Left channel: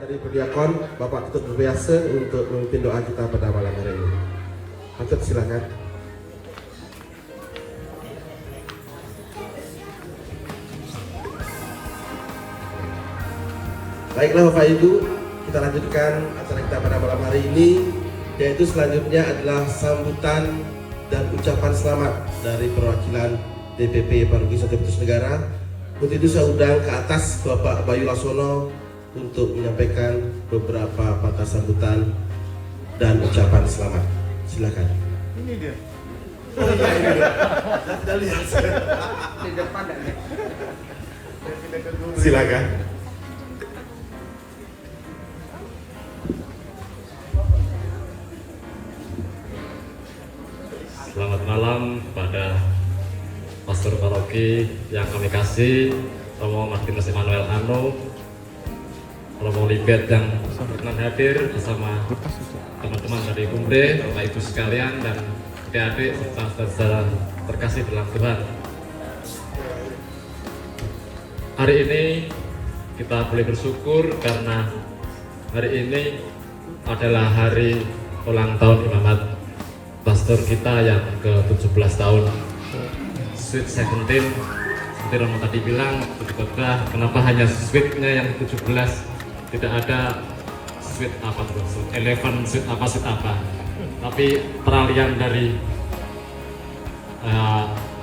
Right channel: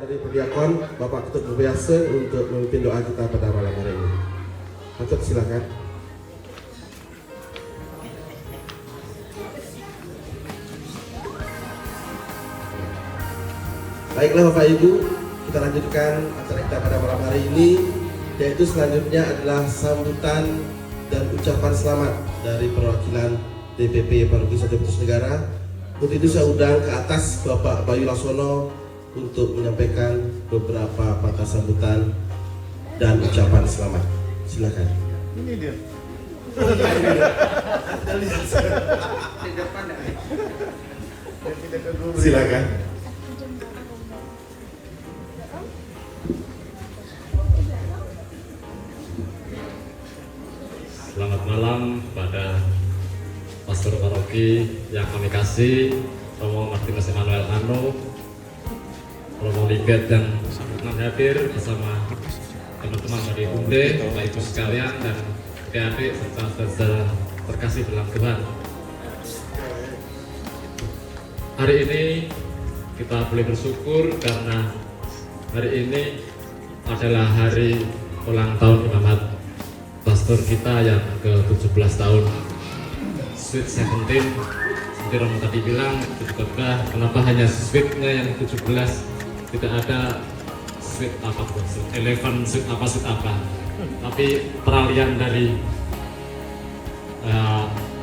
Dari Perdiakon, Bapak Ketut Berbiasa untuk memimpin doa kita pada malam hari ini. Ketut, silakan. Baiklah Bapak Ibu, kita lanjutkan acara kita pada malam hari ini, yaitu selanjutnya adalah sambutan dan ucapan selamat dari perwakilan DPP Paroki Santo Petrus Negara. Untuk itu saya undang ke atas Bapak Bayu Laksono untuk menyampaikan beberapa patah sambutan dan ucapan selamat. Silakan. Ini dia. Silakan. Selamat malam kepada Pastor Paroki yang kami kasih, Romo Martinus Emmanuel Ano, Romo Libet yang berkenan hadir bersama teman-teman dari Umbre, Bapak Ibu sekalian, dan adik-adik serta saudara terkasih dalam Tuhan. Hari ini kita boleh bersyukur karena hari ini adalah hari ulang tahun imamat pastor kita yang ke-17 tahun, Sweet 17. Seperti Romo tadi bilang, di khotbah, kenapa hanya sweetnya yang 17, tidak ada sweet apa, 11 sweet apa, tapi peralihan dari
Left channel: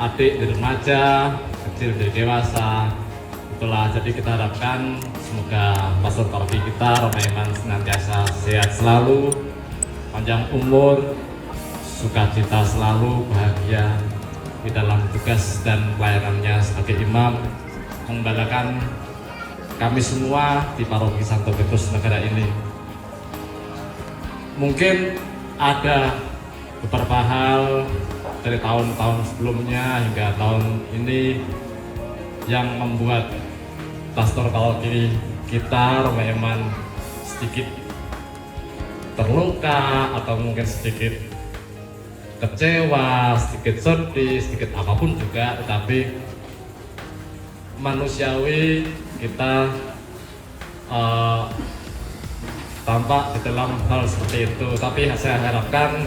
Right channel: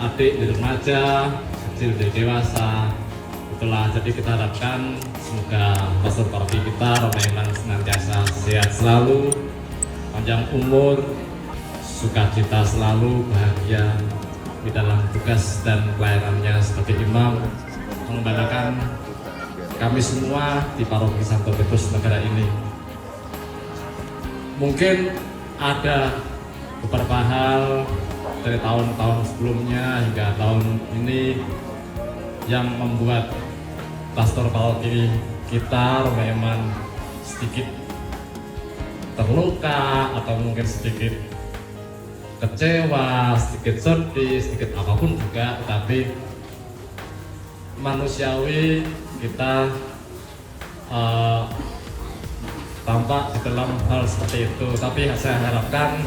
adik di remaja, kecil di dewasa. Itulah, jadi kita harapkan semoga pastor paroki kita, Romo Eman, senantiasa sehat selalu, panjang umur, sukacita selalu, bahagia di dalam tugas dan pelayanannya sebagai imam, mengembalakan kami semua di Paroki Santo Petrus Negara ini. Mungkin ada beberapa hal dari tahun-tahun sebelumnya hingga tahun ini yang membuat pastor paroki kita, Romo Eman, sedikit terluka atau mungkin sedikit kecewa, sedikit sedih, sedikit apapun juga, tetapi manusiawi kita tampak di dalam hal seperti itu. Tapi saya harapkan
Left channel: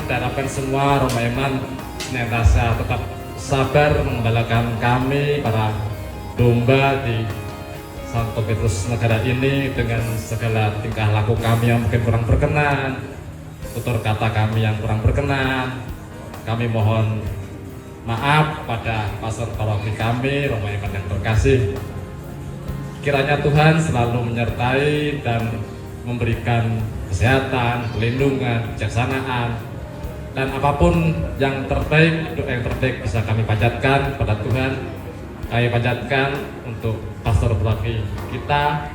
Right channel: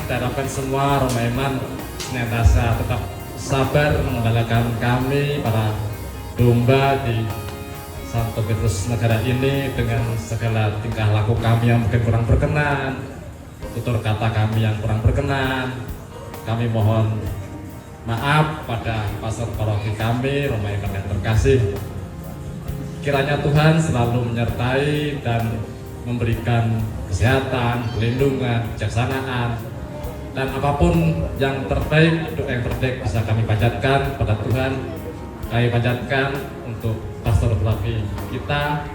semua Romo Eman senantiasa tetap sabar mengembalakan kami para domba di Santo Petrus Negara ini dengan segala tingkah laku kami yang mungkin kurang berkenan, tutur kata kami yang kurang berkenan. Kami mohon maaf pada pastor paroki kami, Romo Eman yang terkasih. Kiranya Tuhan selalu menyertai dan memberikan kesehatan, perlindungan, kebijaksanaan, dan apapun yang terbaik, untuk yang terbaik bisa kami panjatkan pada Tuhan. Kami panjatkan untuk pastor paroki kita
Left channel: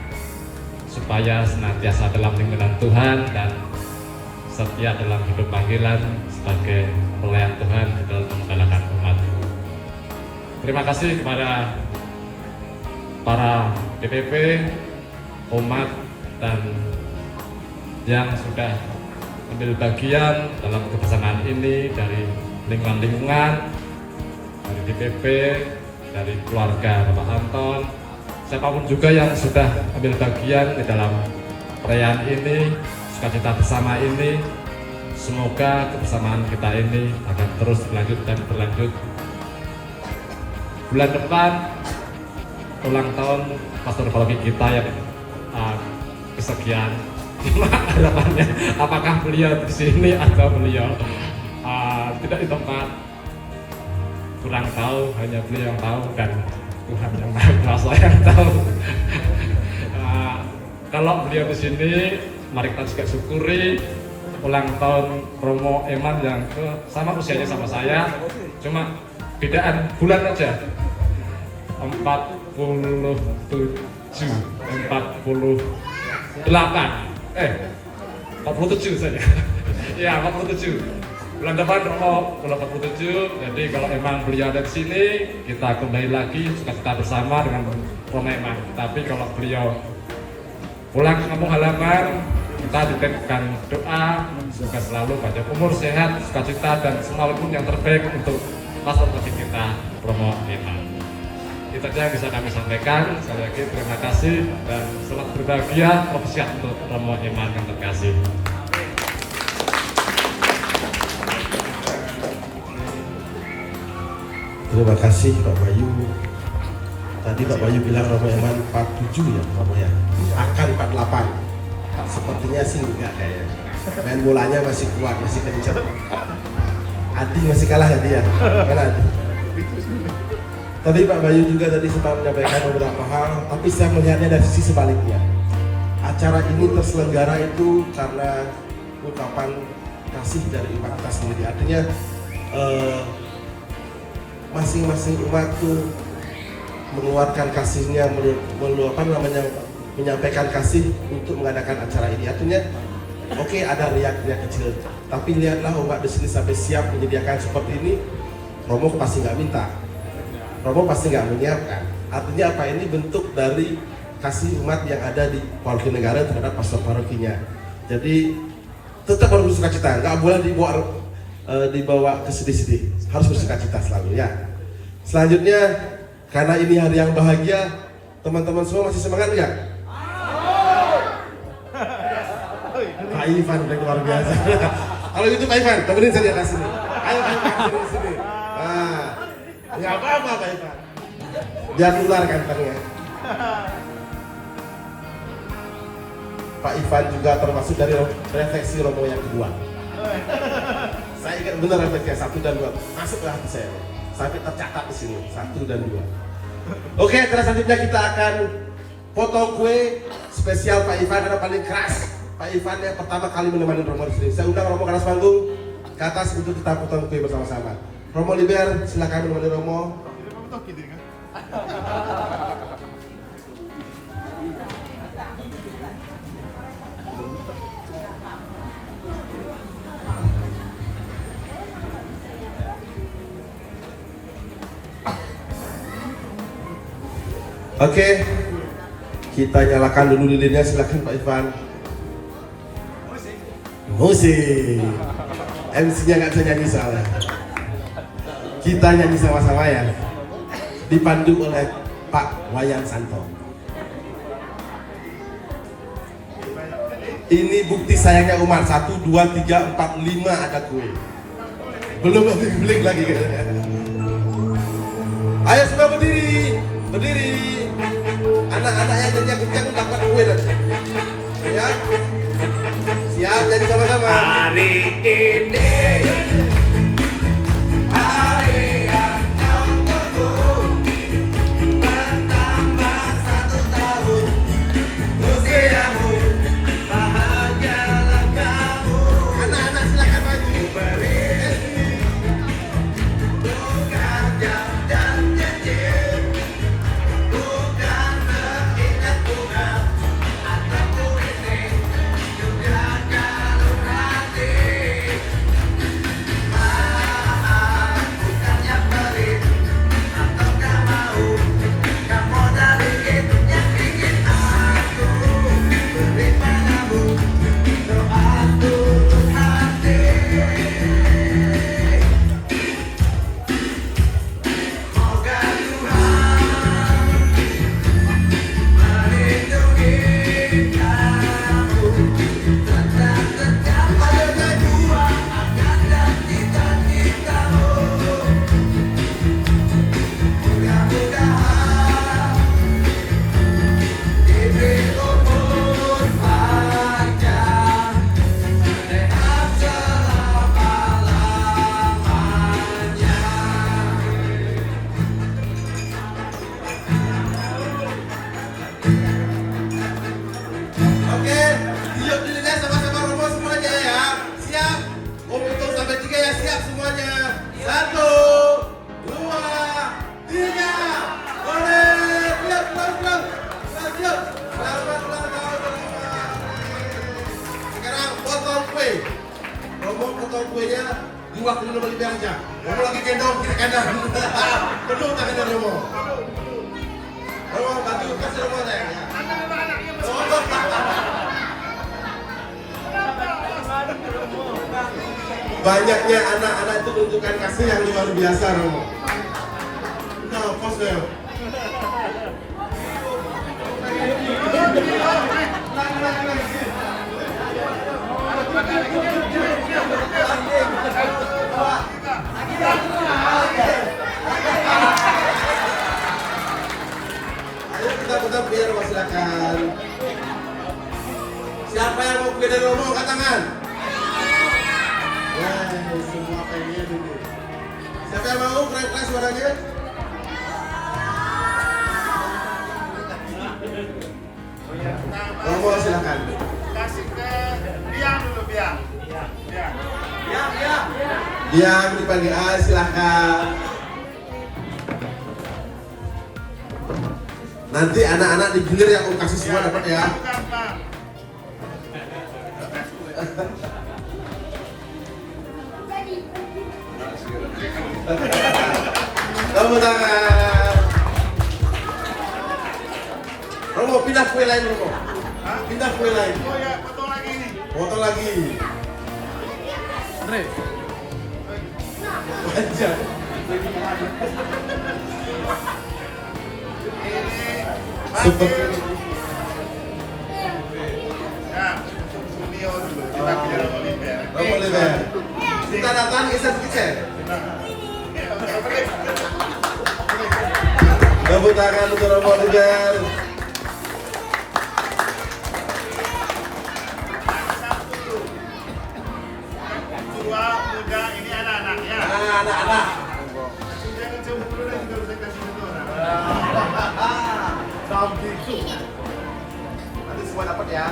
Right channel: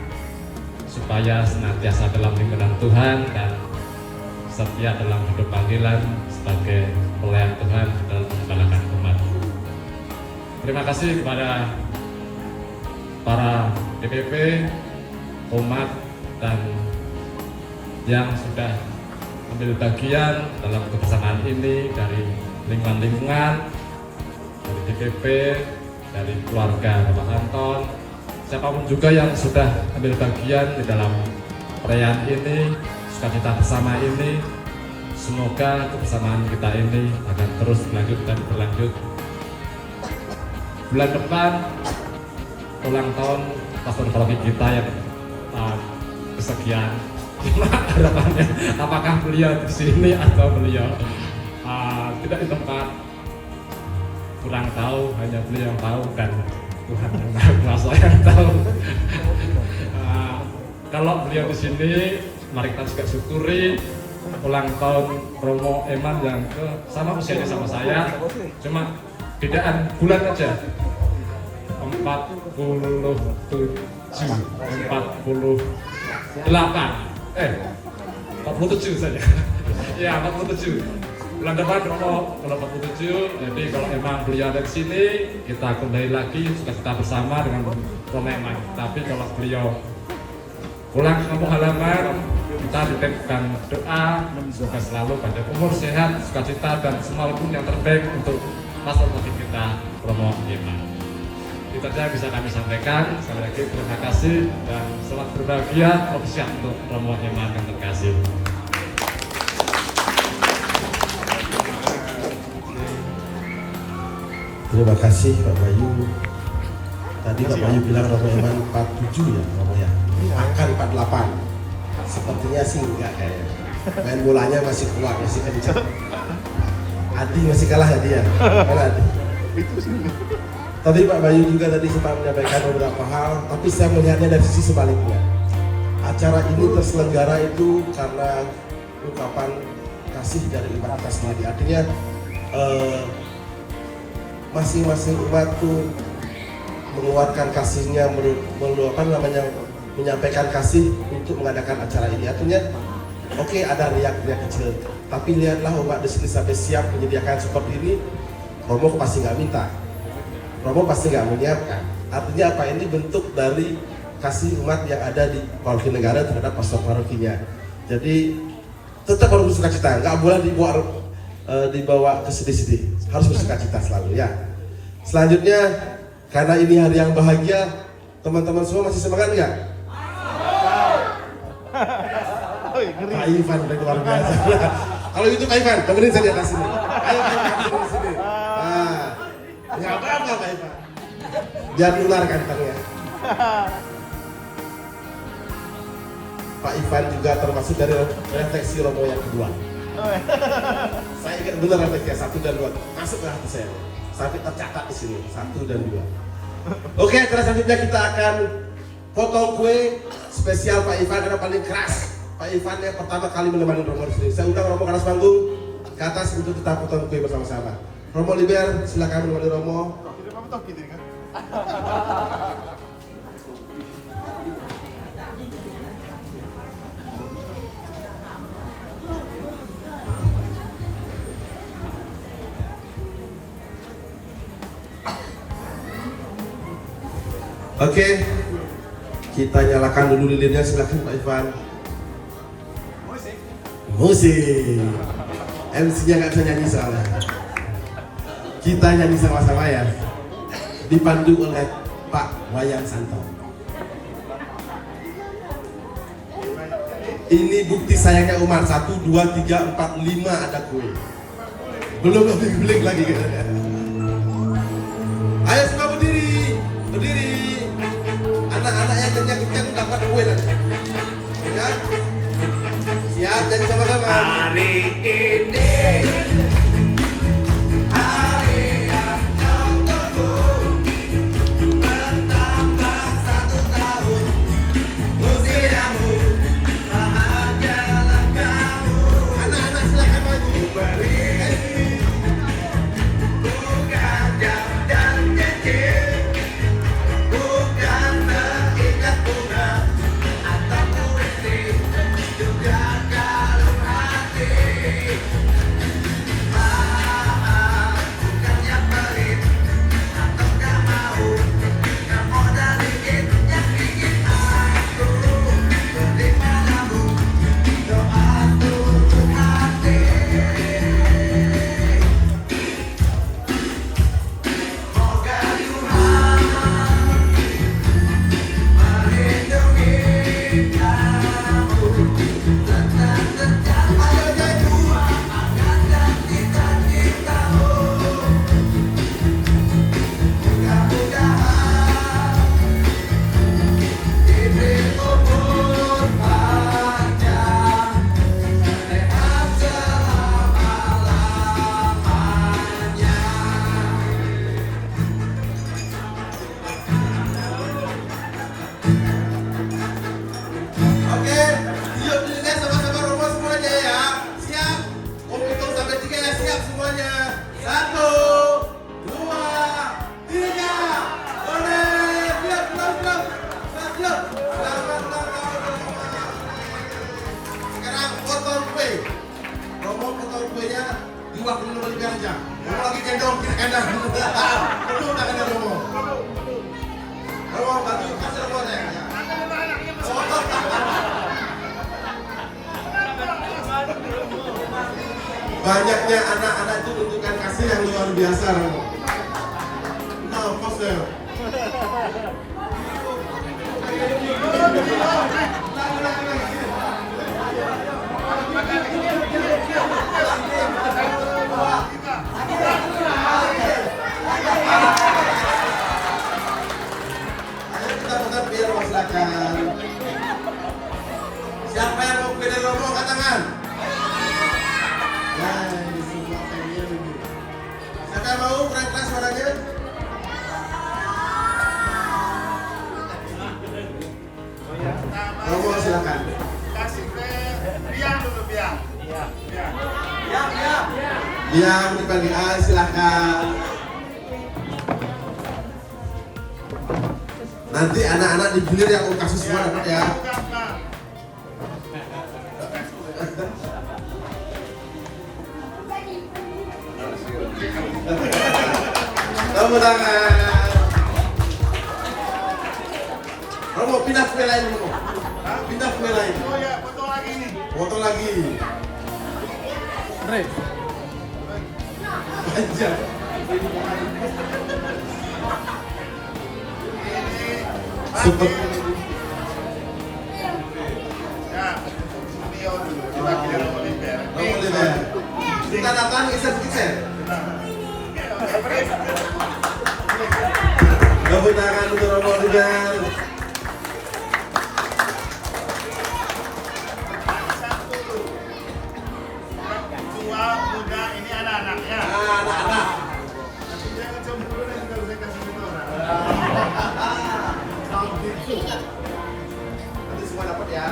supaya senantiasa dalam lindungan Tuhan dan setia dalam hidup panggilan sebagai pelayan Tuhan dalam mengembalakan umat. Terima kasih kepada para DPP, umat, dan yang sudah ambil bagian dalam kebersamaan ini dari lingkungan-lingkungan, dari DPP, dari keluarga Bapak Anton, siapapun juga yang sudah ambil bagian di dalam perayaan ini, sukacita bersama ini. Semoga kebersamaan kita ini akan terus berlanjut dan berlanjut. Bulan depan ulang tahun pastor paroki kita yang kesekian. Harapannya apakah beliau di sini atau beliau tidak di tempat, kurang tahu, hanya beliau yang tahu dan Tuhan yang Maha Kuasa yang tahu. Kalau beliau di sini, mari kita juga syukuri ulang tahun Romo Eman yang sama usianya sama saya, cuma bedaan bulan aja, 47 saja. Ya, 47. Bulan depan Romo 47. Jadi kalau memang beliau ada di sini, kita kembali lagi sukacita bersama dengan Romo Eman. Tapi kalau beliau pulang ke kampung halaman, kita dititipkan doa semoga selalu panjang umur, sehat, sukacita, dan semua pun yang terbaik untuk pastor kita Romo Eman. Itu saja bisa kami sampaikan. Sekali lagi terima kasih dan selamat berbahagia. Siap untuk Romo Iman yang terkasih. Terima kasih Pak Bayu. Tadi Pak Bayu bilang Romo Iman 47 ya Romo ya. Akan 48. Sepertinya sih enggak kayaknya. Main bolanya masih kuat, masih kencang. Adi masih kalah ya dia. Mana Adi? Tadi Pak Bayu juga tadi sempat menyampaikan beberapa hal, tapi saya melihatnya dari sisi sebaliknya. Acara ini terselenggara itu karena ungkapan kasih dari umat kita sendiri. Artinya masing-masing umat itu mengeluarkan kasihnya, menyampaikan kasih untuk mengadakan acara ini. Artinya, oke, ada riak-riak kecil, tapi lihatlah umat di sini sampai siap menyediakan seperti ini. Romo pasti nggak minta, Romo pasti nggak menyiapkan. Artinya apa? Ini bentuk dari kasih umat yang ada di paroki negara terhadap pastor parokinya. Jadi tetap harus bersuka cita, nggak boleh dibawa ke sedih-sedih, harus bersuka cita selalu ya. Selanjutnya, karena ini hari yang bahagia, teman-teman semua masih semangat nggak? Pak Ivan udah luar biasa. Kalau gitu Pak Ivan, temenin saya di atas sini. Ayo Pak Ivan di sini. Nah, nggak apa-apa Pak Ivan. Biar nular kantongnya. Pak Ivan juga termasuk dari refleksi Romo yang kedua. Saya ingat benar refleksi 1 dan 2. Masuk ke hati saya. Sampai tercatat di sini 1 dan 2. Oke, terus selanjutnya kita akan potong kue spesial Pak Ivan karena paling keras. Pak Ivan yang pertama kali menemani Romo di sini. Saya undang Romo ke atas panggung ke atas untuk kita potong kue bersama-sama. Romo Liber, silakan menemani Romo. Oke, kita nyalakan dulu lilinnya, silakan Pak Ivan. Musik. MC-nya nggak bisa nyanyi salah. Kita nyanyi sama-sama ya. Dipandu oleh Pak Wayan Santo. Ini bukti sayangnya umat 1, 2, 3, 4, 5 ada kue. Belum dibeli lagi. Ayo semua berdiri, berdiri. Anak-anak yang kencang-kencang dapat kue nanti. Ya, siap jadi sama-sama. Hari ini hari yang jauh bertambah 1 tahun usiamu, bahagialah kamu. Anak-anak silakan maju. Beri bukan jam dan janji, bukan terikat tunggal atau puisi, juga kalung hati. Maaf bukan yang pelit atau gak mau, kamu dari itu yang ingin aku beri padamu. Doa tulus hati. Moga Tuhan melindungi kamu, tetap ayo berjuang akan dan cita-citamu. Mudah-mudahan hidup umur panjang, sehat selama-lamanya. Oke, yuk dilihat sama-sama Romo semuanya ya. Siap? Om hitung sampai 3 ya, siap semuanya. 1, 2, 3. Oleh, siap. Selamat ulang tahun. Sekarang potong kue. Romo potong kuenya diwakili Romo Liber aja. Romo lagi gendong, kita kendang. Penuh tangannya Romo. Romo, bantu kasih Romo saya. Potong. Banyaknya anak-anak itu menunjukkan kasih yang luar biasa, Romo. Nah, pos deh. Ayo kita buka biar silakan. Siapa yang mau pilih Romo angkat tangan? Ya, semua pengen dulu. Siapa yang mau keras-keras suaranya? Romo silakan. Kasih ke Biang dulu, Biang. Diam dipanggil A, silakan. Nanti anak-anak digilir yang mau kasih semua dapat ya. Bukan, Pak. Tepuk tangan. Romo pindah kue lain Romo. Pindah kue lain. Oh ya, potong lagi ini. Foto lagi. Anjay. Super. Ya, Sunio dulu. Coba kita Romo Liber. Romo Liber. Kita datang ke Sertifikat. Tepuk tangan untuk Romo Liber. Tua, muda, ini anak-anak ya. Anak-anak. Jangan coba dulu nanti kalau saya kasih itu orang. Nanti semua dapat ya.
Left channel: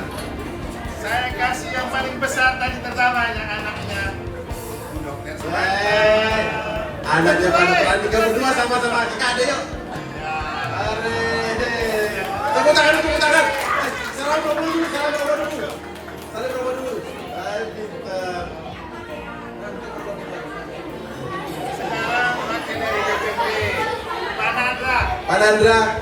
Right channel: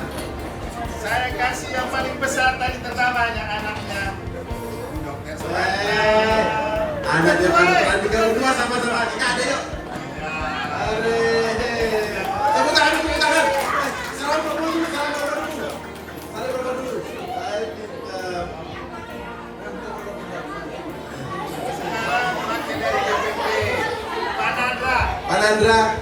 Saya kasih yang paling besar tadi pertama yang anaknya dokter Suwanda. Anak dia pada peran berdua sama-sama kita ada yuk. Ya. Tepuk tangan, tepuk tangan. Salam dulu, salam dulu. Salam dulu. Pintar. Sekarang makin dari KPP Panandra. Panandra.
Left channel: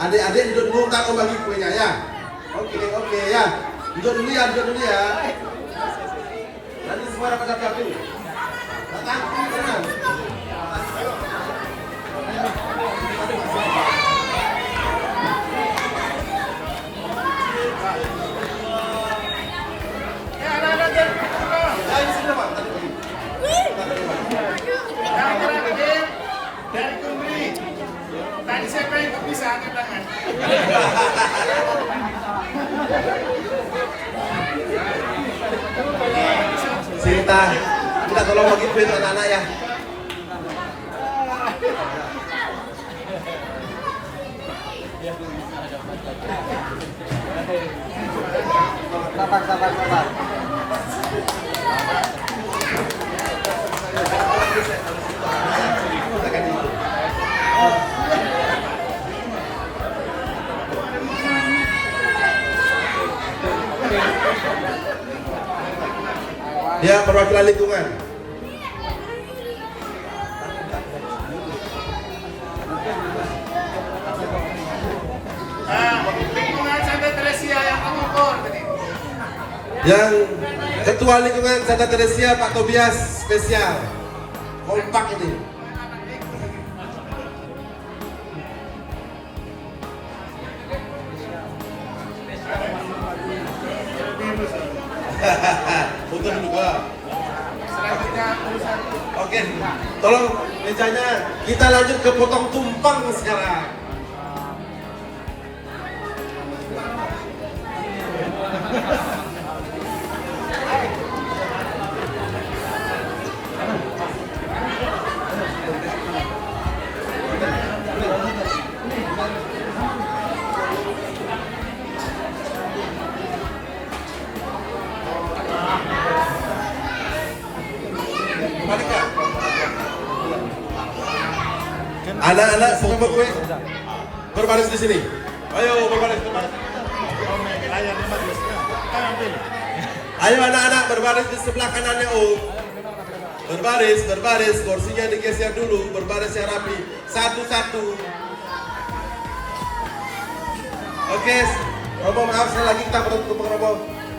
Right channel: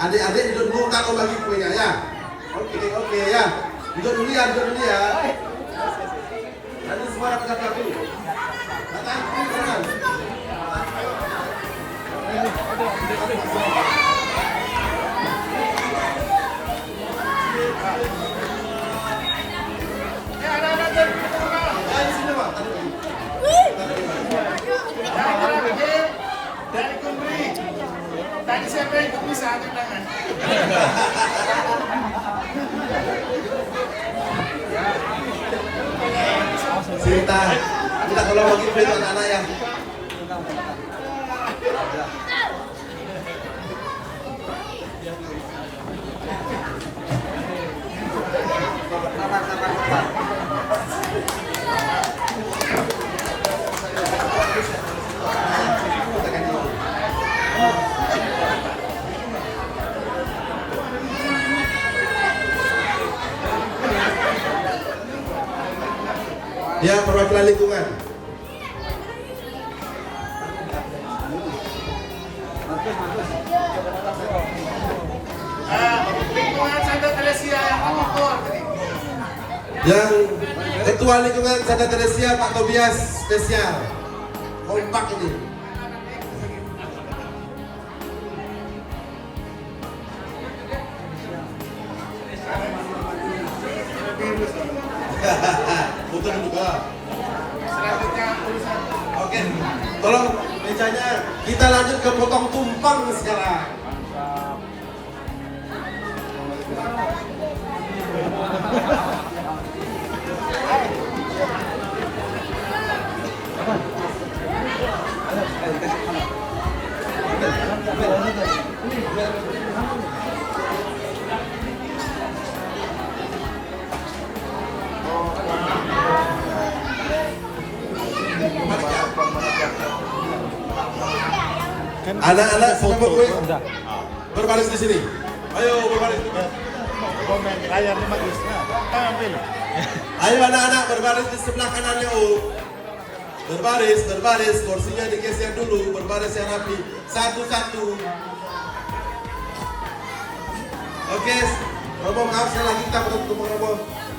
Adik-adik duduk dulu, ntar om bagi kuenya ya. Oke ya. Duduk dulu ya. Nanti semua dapat satu. Datang, datang. Anak-anak dari Kumbang. Ayo sini Pak. Yang terakhir dari Kumbri. Tadi siapa yang bisa angkat tangan? Kita tolong bagi kue ke anak-anak ya. Dia perwakilan lingkungan. Lingkungan Santa Teresia yang mengukur tadi. Yang ketua lingkungan Santa Teresia Pak Tobias spesial. Kompak ini. Untuk juga. Selanjutnya urusan Oke, tolong mejanya kita lanjut ke potong tumpang sekarang. Anak-anak semua kue berbaris di sini. Ayo berbaris. Ayo anak-anak berbaris di sebelah kanannya Om. Berbaris, kursinya digeser dulu, berbaris yang rapi, satu-satu. Oke, Romo maaf sekali lagi kita potong tumpeng Romo.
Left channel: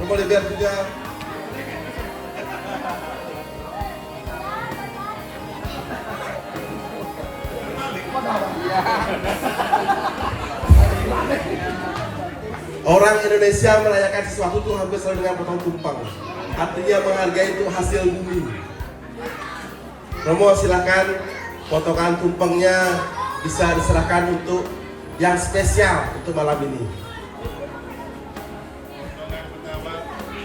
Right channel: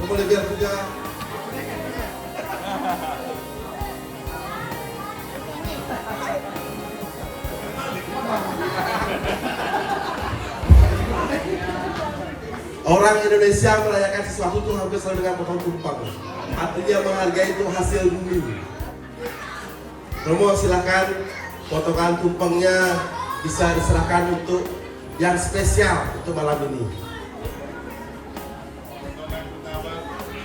Romo dibiar juga. Orang Indonesia merayakan sesuatu itu hampir selalu dengan potong tumpeng. Artinya menghargai itu hasil bumi. Romo silakan potongan tumpengnya bisa diserahkan untuk yang spesial untuk malam ini. Potongan pertama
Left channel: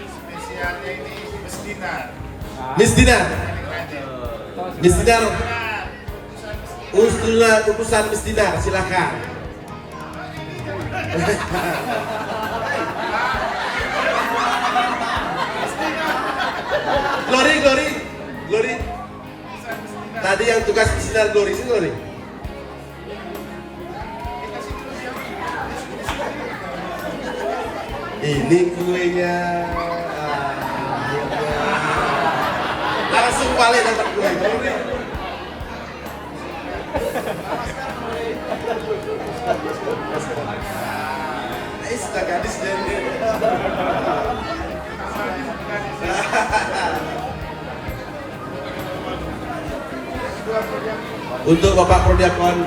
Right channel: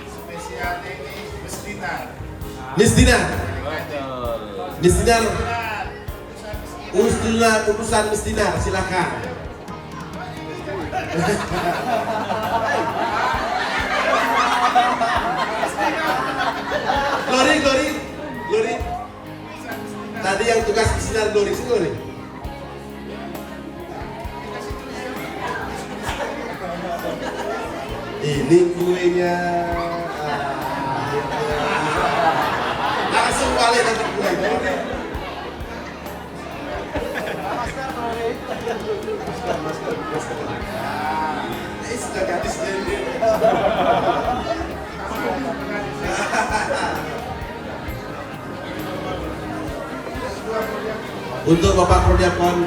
spesialnya ini Mesdinar. Misdinar, Misdinar, Misdinar. urusan Misdinar, silakan. Glory. Tadi yang tugas Misdinar Glory, sini Glory. Ini kuenya, akhirnya langsung balik dapat kue. Sudah habis deh. Untuk Bapak Prodiakon,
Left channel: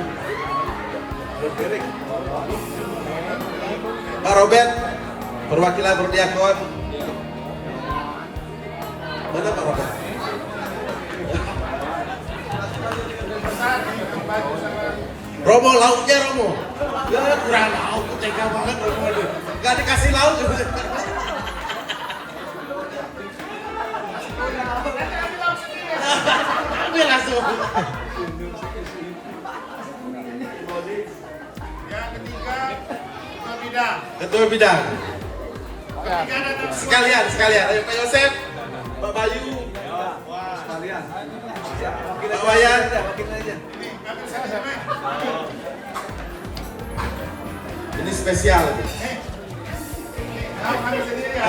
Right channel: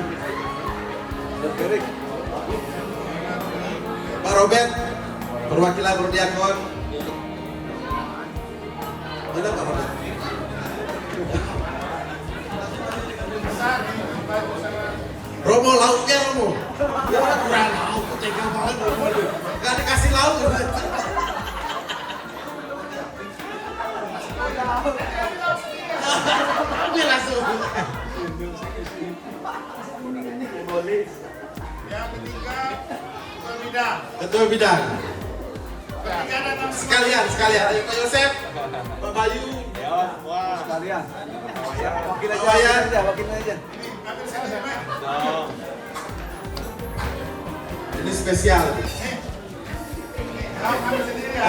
Pak Robert, perwakilan Prodiakon. Mana Pak Robert? Romo, lauknya Romo. Ya kurang lauk, tega banget Romo itu. Gak dikasih lauk. Ambil langsung. Yang ketiga Ketua Bidang. Ketua Bidang. Bertiga datang Sekalian. Ayo Pak Yosef, Pak Bayu, Pak Wayan. Ambil satu sama. Ini spesial. Kamu ambil sendiri ya.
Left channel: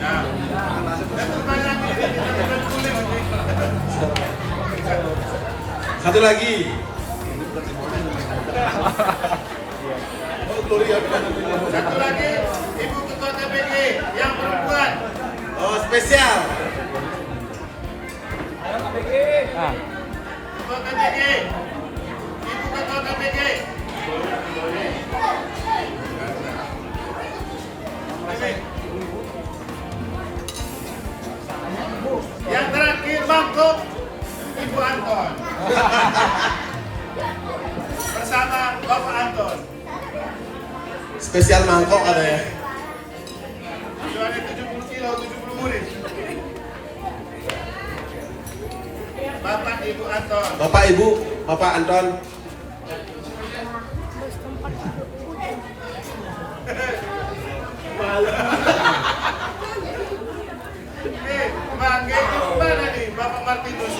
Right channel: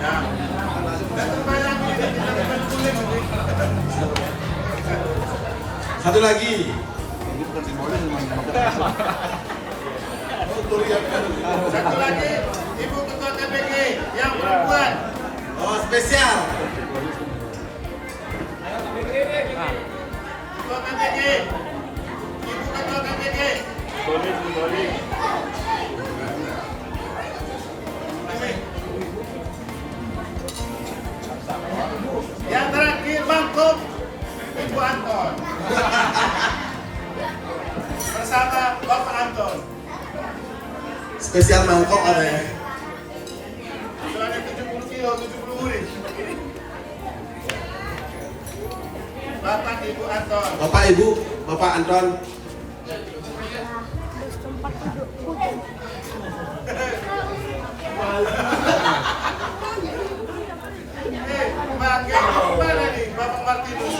Nah, dan terbanyak ini kita dapat kulit nanti. Satu lagi. Satu lagi, Ibu Ketua KPG yang perempuan. Oh, spesial. Ketua KPG. Ibu Ketua KPG. Yang terakhir mangkuk Ibu Anton. Bersama Bapak Anton. Spesial mangkok katanya. Jualnya 70 kilo, 70 murid. Bapak Ibu Anton. Bapak Ibu, Bapak Anton. Bangke ini mana nih Bapak Martinus?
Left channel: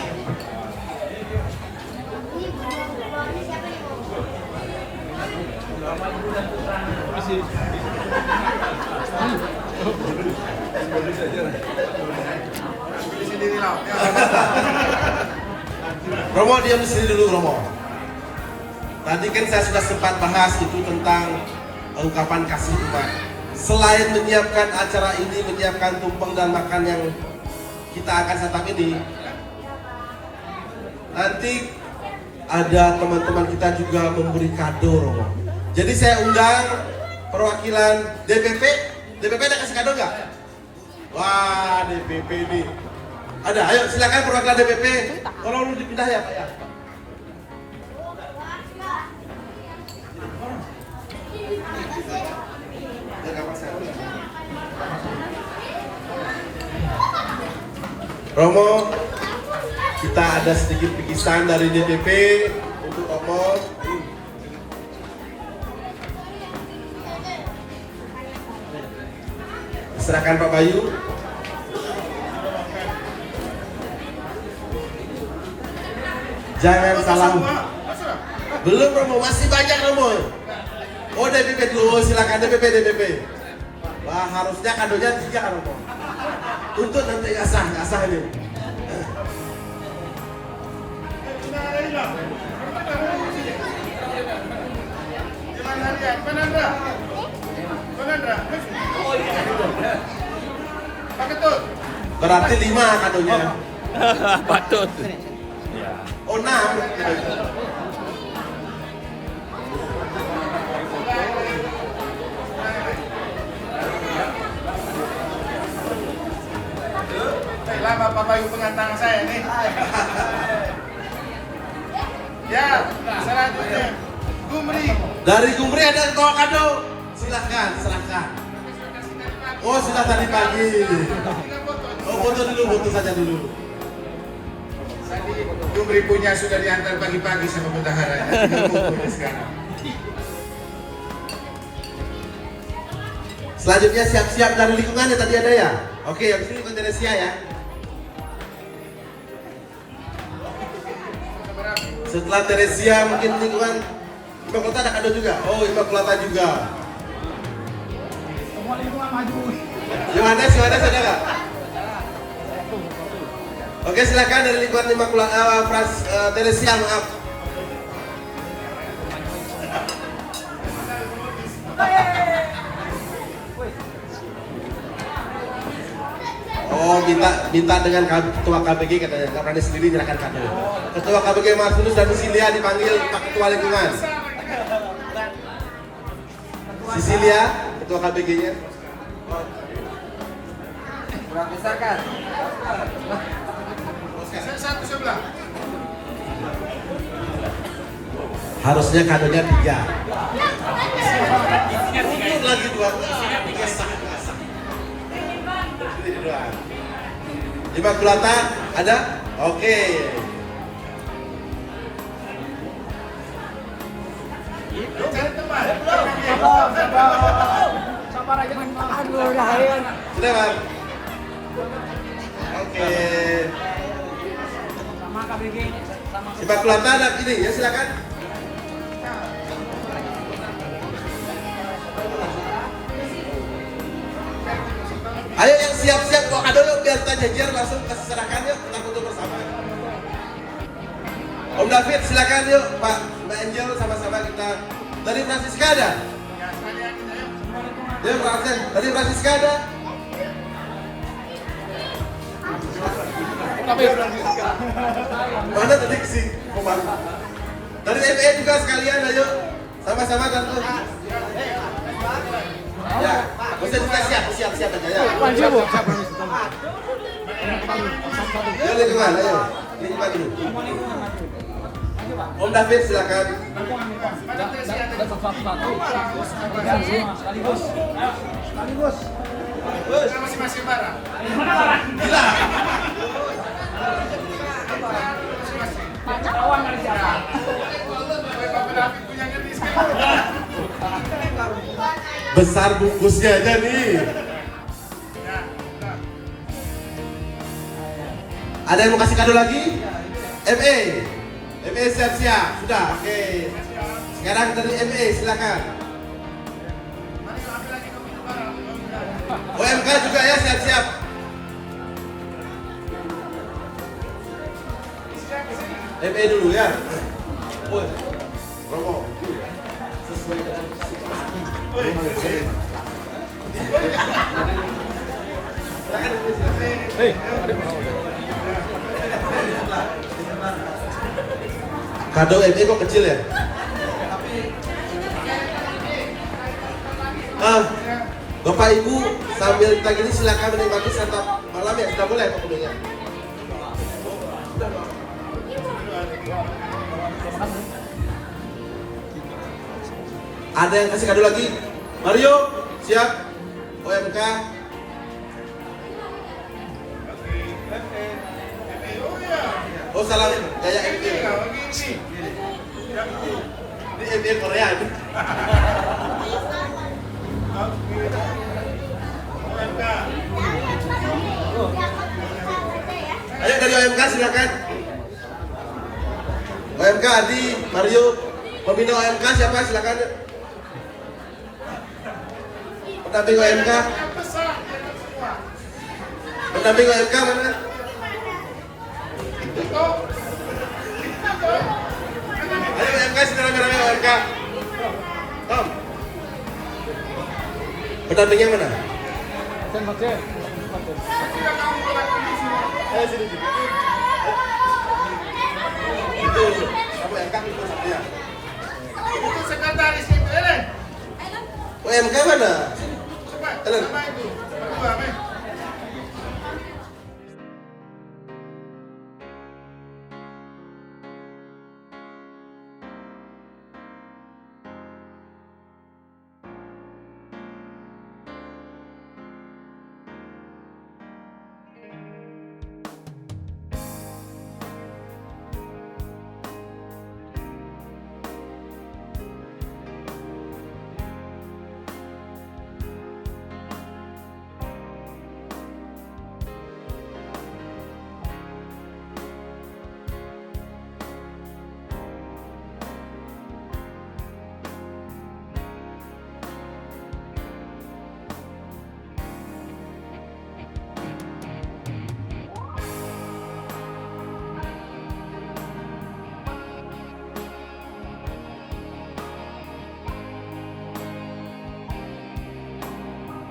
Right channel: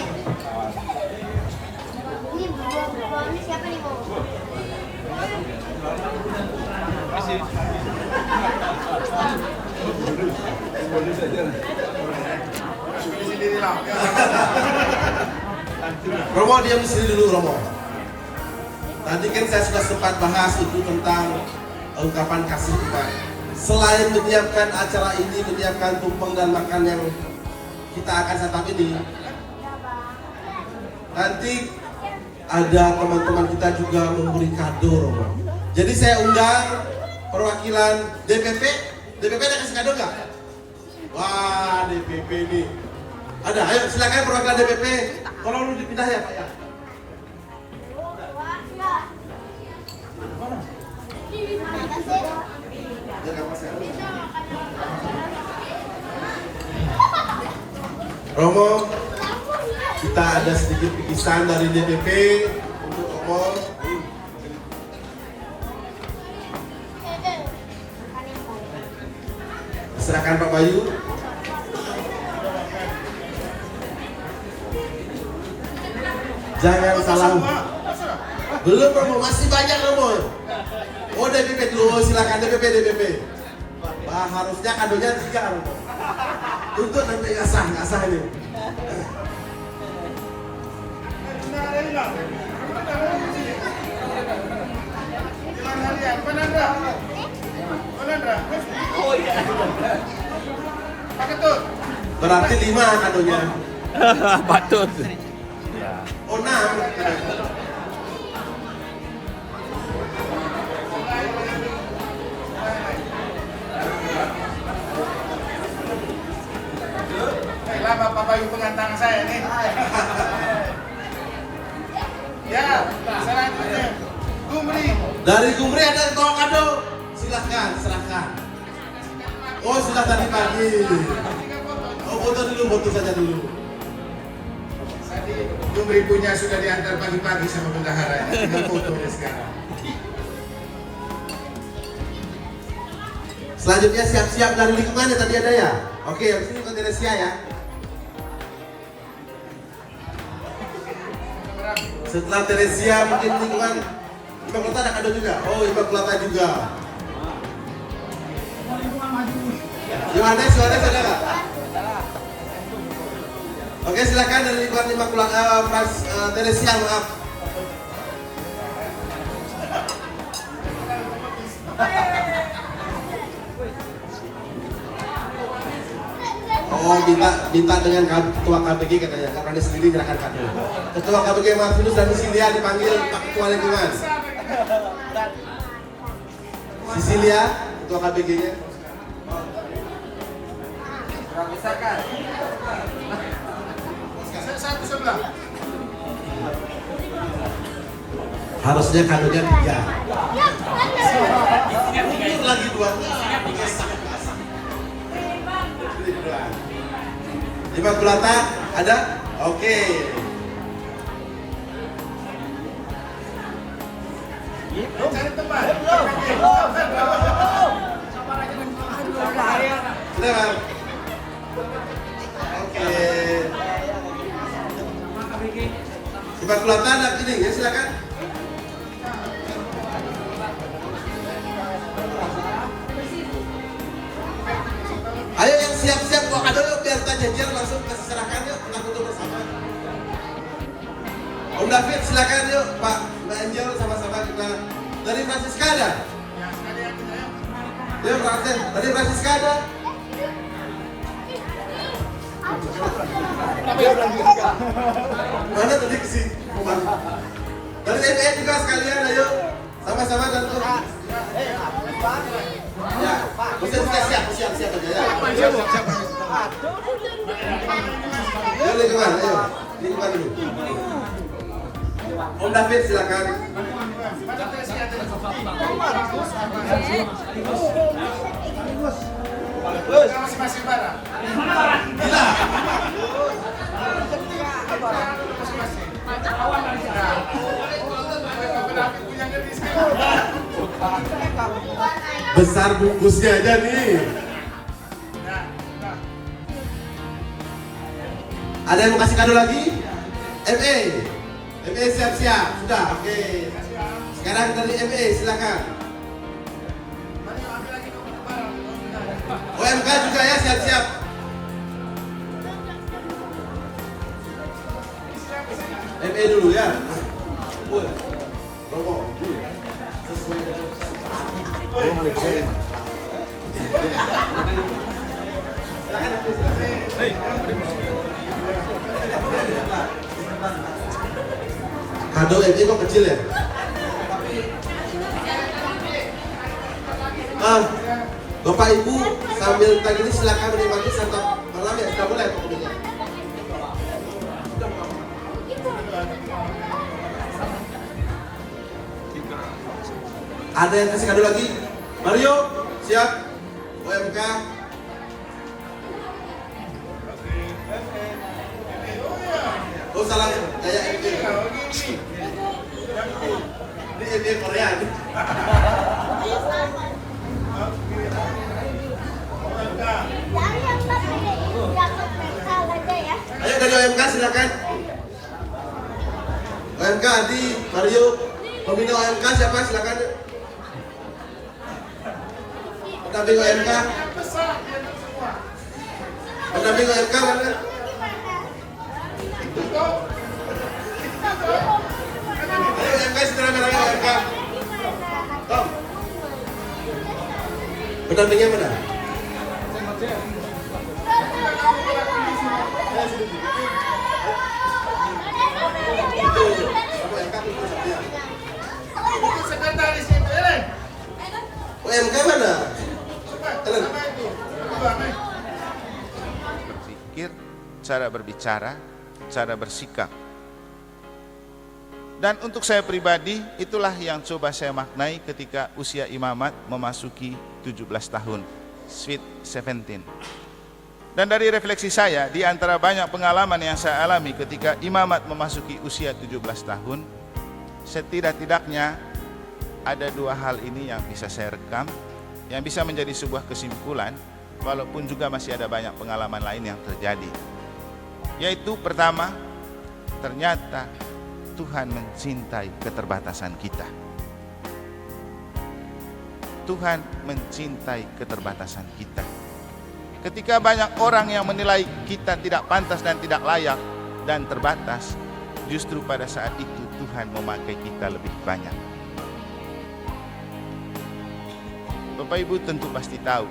Sendirilah. Ya. Romo diam sini dulu Romo. Tadi kan saya sudah sempat bahas itu tentang ungkapan kasih Tuhan. Selain menyiapkan acara ini, menyiapkan tumpeng dan makan yang kita akan santap ini, nanti ada teman-teman kita juga memberi kado Romo. Jadi saya undang perwakilan DPP. DPP ada kasih kado nggak? Wah, DPP ini ada. Ayo silakan perwakilan DPP. Tolong dipindah ya Pak ya. Romo, kita ada sedikit bingkisan dari DPP untuk Romo. Serahkan Pak Bayu. Jangan salah. Belum Romo, masih banyak Romo. Oh DPP dulu, silakan DPP. Wah harusnya kadonya 3 kan Romo. Tuntut nanti nggak sah ini. Berarti 5 kadonya. Patut. Oh 6. Baiklah Bapak Bayu pengantar saya nih. Ya, selanjutnya Gumri. Dari Gumri ada yang bawa kado. Silahkan. Oh sudah tadi pagi. Oh foto saja dulu. Tadi Gumri punya sudah diantar pagi-pagi sama bendahara. Tinggal fotonya sekarang. Selanjutnya siap-siap dari lingkungannya tadi ada ya. Oke, yang ini untuk Teresia ya. Setelah Teresia mungkin lingkungan Immaculata ada kado juga. Oh Immaculata juga. Yohanes ada nggak? Oke silakan dari lingkungan Immaculata Teresia maaf. Oh minta dengan ketua KBG katanya, nggak berani sendiri menyerahkan kado. Ketua KBG Martinus dan Sisilia dipanggil Pak Ketua Lingkungan. Sisilia, Ketua KBG-nya. Satu sebelah. Harusnya kadonya 3. Lagi 2. Immaculata ada? Oke. Cari tempat. Sudah Bang? Oke. Immaculata ada ini ya silakan. Ayo yang siap-siap bawa kado yuk biar kita janjian langsung kasih serahkan yuk kita foto bersama. Om David silakan yuk Pak Mbak Angel sama-sama kita dari Francisca ada? Ya sekalian kita yuk. Yuk Pak Arsen dari Francisca ada? Mana tadi sih Komang? Dari MPN juga sekalian ayo sama-sama tentu. Ya, bisa siap aja ya. Ya lingkungan, ayo. Lingkungan dulu. Om David silakan. Mana Teresia tadi? Masing-masing barang. Gila. Masing-masing. Nah, Bapak David punya ngeris kan? Besar bungkusnya aja nih. Nah. Ada yang mau kasih kado lagi? MA siap-siap. Sudah, oke. Sekarang dari MA silakan. Mari ambil lagi dong barang. OMK juga ya siap-siap. MA dulu ya. Oh, Romo. Sesuai dengan kado MA kok kecil ya? Bapak Ibu sambil kita gini silakan menikmati santap malam ya, sudah boleh pokoknya. Ada yang kasih kado lagi? Mario, siap? OMK. Oh salah, kayak MD. Ini MD Korea ini. Ayo dari OMK silakan. OMK Adi, Mario, pembina OMK siapa silakan. Pendamping OMK, Yang besar dia itu semua. pendamping OMK mana? Itu toh. Ayo OMK sekarang merahnya OMK. Tom. Pendampingnya mana? Tidak kamu melakukan ini semua. Ayo sini. Itu kamu OMK itu saya. Itu sekretaris itu, Ellen. OMK mana? Cepat, Ellen. sama itu. Berdua, men. Pikir, cara berbicara, cara bersikap. Dan untuk saya pribadi, itulah yang coba saya maknai ketika usia imamat memasuki 17 tahun, sweet 17. Dan dari refleksi saya, di antara banyak pengalaman yang saya alami ketika imamat memasuki usia 17 tahun, setidak-tidaknya ada dua hal ini yang bisa saya rekam, yang bisa menjadi sebuah kesimpulan, walaupun juga masih ada banyak pengalaman lain yang terjadi. Yaitu pertama, ternyata Tuhan mencintai keterbatasan kita. Tuhan mencintai keterbatasan kita. Ketika banyak orang yang menilai kita tidak pantas dan tidak layak dan terbatas, justru pada saat itu Tuhan memakai kita lebih banyak. Bapak Ibu tentu pasti tahu,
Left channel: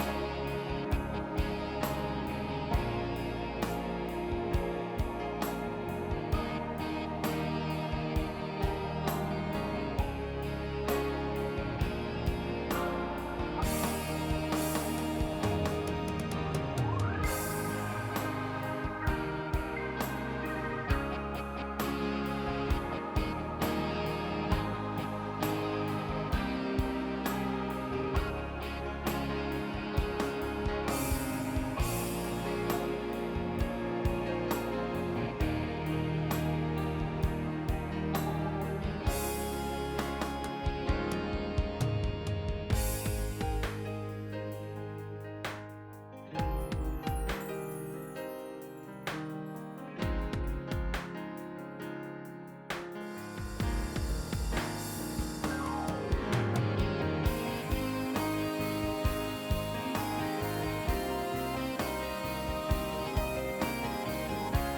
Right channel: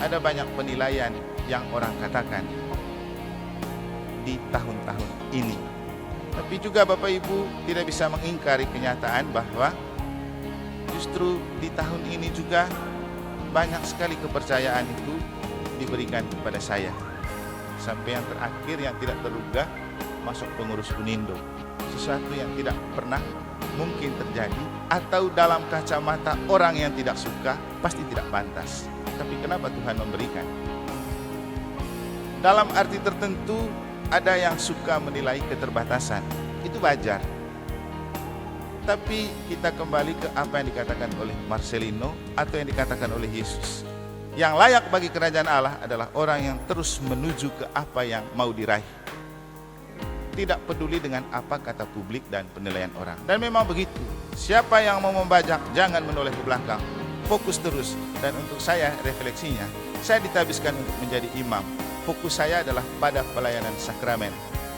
ada banyak penilaian yang orang katakan di tahun-tahun ini. Tapi juga Bapak Ibu tidak bisa mengingkari kenyataan bahwa justru di tahun ini juga banyak sekali kepercayaan itu diberikan kepada saya. Sampai yang terakhir yang tidak terduga masuk pengurus Unindo. Sesuatu yang tidak pernah mungkin terjadi, atau dalam kacamata orang yang tidak suka pasti tidak pantas. Tapi kenapa Tuhan memberikan? Dalam arti tertentu ada yang suka menilai keterbatasan, itu wajar. Tapi kita kembali ke apa yang dikatakan oleh Marcelino atau yang dikatakan oleh Yesus. Yang layak bagi kerajaan Allah adalah orang yang terus menuju ke apa yang mau diraih. Tidak peduli dengan apa kata publik dan penilaian orang. Dan memang begitu. Siapa yang mau membajak jangan menoleh ke belakang. Fokus terus. Dan untuk saya refleksinya, saya ditabiskan untuk menjadi imam. Fokus saya adalah pada pelayanan sakramen.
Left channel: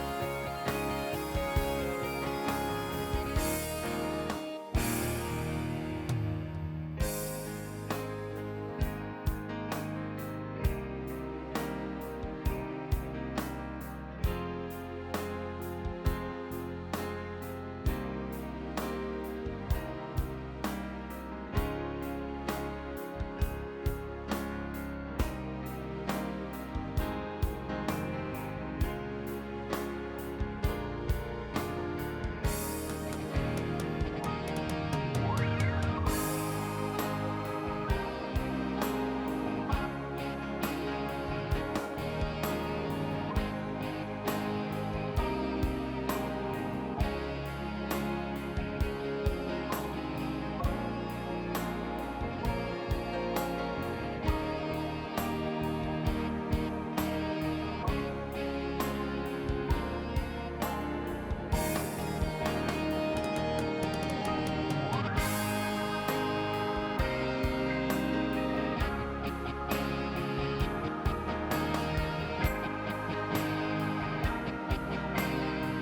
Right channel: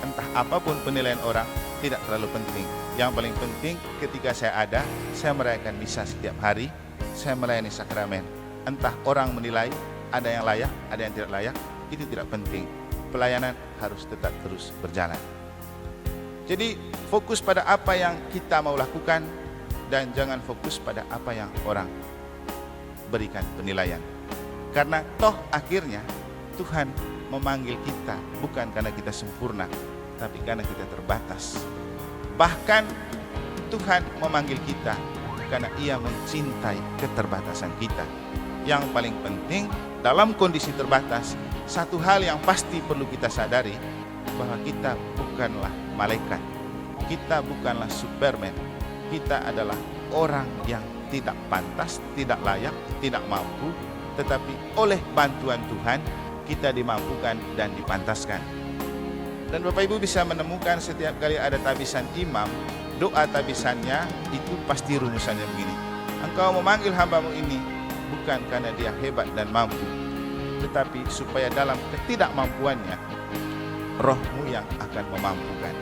Entah apapun penilaian orang, tidak terlalu penting. Yang paling penting ketika saya ada, saya merayakan misa setiap hari, saya melayani sakramen. Entah orang menilai, ada yang layak, ada yang tidak layak, itu tidak penting. Pelayanan harus tetap terus berjalan. Jadi fokus pada apa yang kita mau lakukan, dan jangan fokus pada apa yang orang berikan penilaian. Karena toh akhirnya Tuhan memanggil kita bukan karena kita sempurna, tapi karena kita terbatas. Bahkan Tuhan memanggil kita karena Ia mencintai keterbatasan kita. Yang paling penting dalam kondisi terbatas, satu hal yang pasti perlu kita sadari, bahwa kita bukanlah malaikat, kita bukanlah Superman, kita adalah orang yang tidak pantas, tidak layak, tidak mampu, tetapi oleh bantuan Tuhan kita dimampukan dan dipantaskan. Dan Bapak Ibu bisa menemukan setiap kali ada tabisan imam, doa tabisannya itu pasti rumusannya begini: Engkau memanggil hambamu ini bukan karena dia hebat dan mampu, tetapi supaya dalam ketidakmampuannya Roh-Mu yang akan memampukan.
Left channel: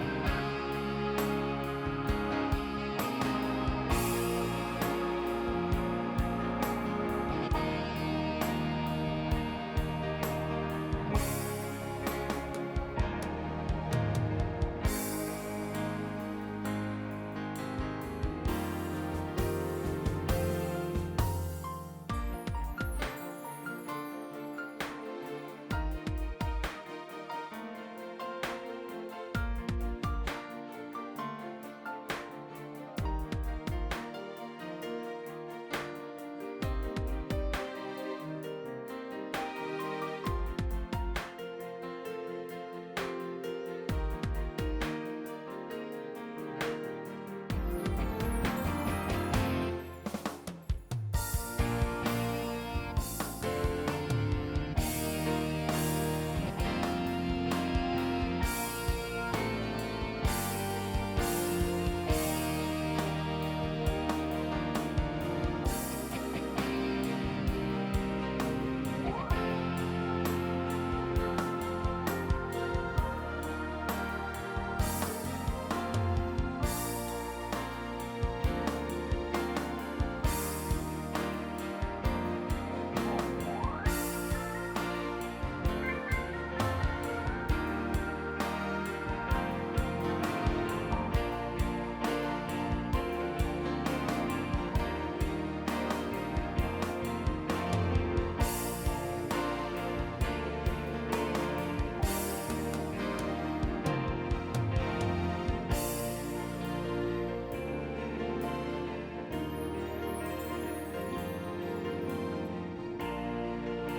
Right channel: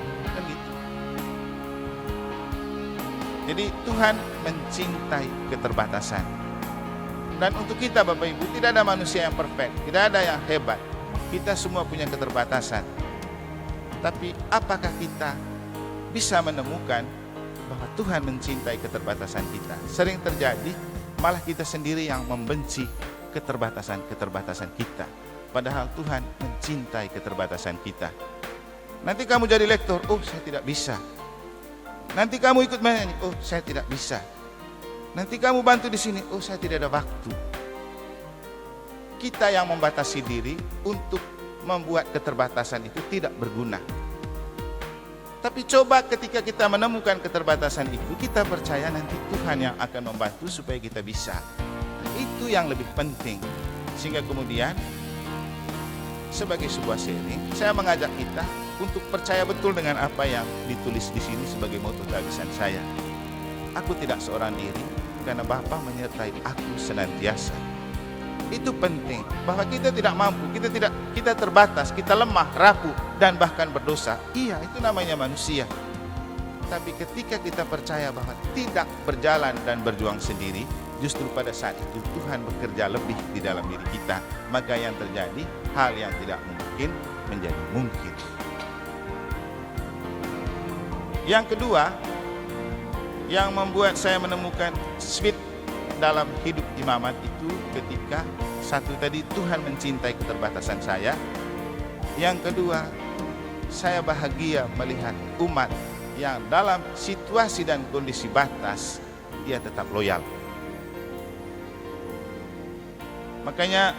Jadi Tuhan mencintai keterbatasan. Dan untuk kita Bapak Ibu, tidak ada manusia yang perfect, tidak ada yang hebat. Kita semua punya keterbatasan. Tapi apakah kita bisa menemukan bahwa Tuhan mencintai keterbatasan kita? Sering terjadi malah kita sendiri yang membenci keterbatasan-keterbatasan kita. Padahal Tuhan mencintai keterbatasan kita. Nanti kamu jadi lektor, oh saya tidak bisa. Nanti kamu ikut menyanyi, oh saya tidak bisa. Nanti kamu bantu di sini, oh saya tidak ada waktu. Kita yang membatasi diri untuk membuat keterbatasan itu tidak berguna. Tapi coba ketika kita menemukan keterbatasan itu, kita percaya nanti Tuhan yang akan membantu supaya kita bisa. Itu yang lebih penting. Sehingga kemudian sebagai sebuah seri, saya mengajak kita untuk percaya betul dengan apa yang ditulis di sini sebagai moto tabisan saya. Aku tidak seorang diri, karena Bapa menyertai aku senantiasa. Itu penting, bahwa kita tidak mampu, kita terbatas, kita lemah, rapuh, dan bahkan berdosa. Iya, itu namanya manusia. Tapi ketika kita percaya bahwa tidak berjalan dan berjuang sendiri, justru pada saat itu Tuhan bekerja lebih di dalam diri kita. Maka yang terjadi, hal yang tidak mungkin menjadi mungkin. Yang kedua, yang membuat saya menemukan switch dalam hidup imamat itu ketika satu tadi, Tuhan mencintai keterbatasan saya. Yang kedua, saya bahagia melihat umat yang dalam situasi dan kondisi batas dia tetap loyal. Makanya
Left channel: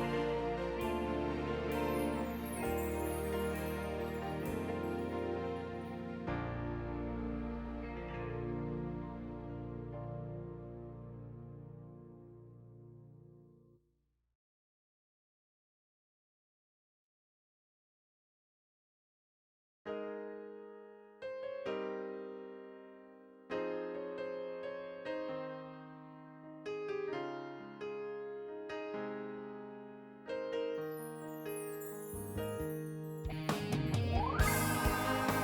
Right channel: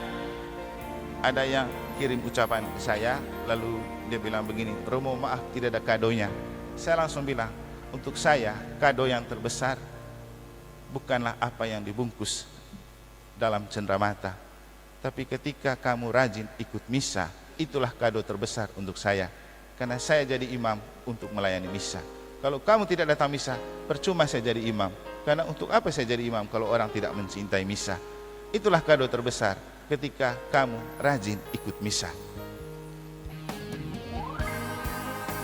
ada yang kirim ucapan ke saya, lalu dia bilang begini, Romo maaf tidak ada kadonya. Saya langsung bilang, untuk saya kado yang terbesar bukanlah apa yang dibungkus dalam cenderamata, tapi ketika kamu rajin ikut misa, itulah kado terbesar untuk saya. Karena saya jadi imam untuk melayani misa. Kalau kamu tidak datang misa, percuma saya jadi imam. Karena untuk apa saya jadi imam kalau orang tidak mencintai misa? Itulah kado terbesar ketika kamu rajin ikut misa.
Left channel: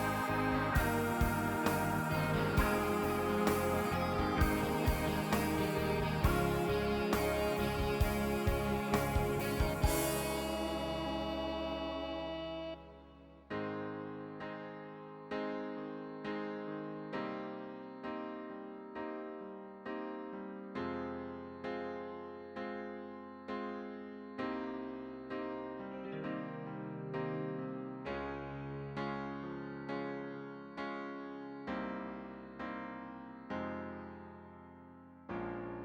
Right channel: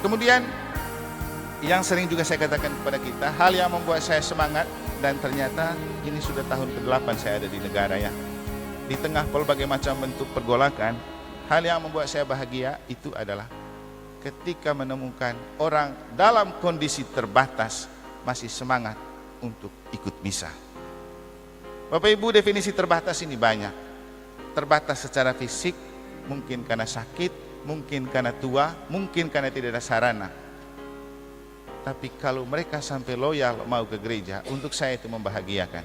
Kemudian yang sering juga saya katakan kepada kita, hal yang membuat saya semangat, dan ternyata ini sudah tahun ke-8 saya ada di negara ya. Di tengah berbagai macam bentuk pergolakan, hal yang membuat saya bahagia itu adalah ketika menemukan orang dalam kondisi terbatas masih semangat untuk ikut misa. Bapak Ibu, definisi terbatas ini banyak. Terbatas secara fisik, mungkin karena sakit, mungkin karena tua, mungkin karena tidak ada sarana. Tapi kalau mereka sampai loyal mau ke gereja, untuk saya itu membahagiakan.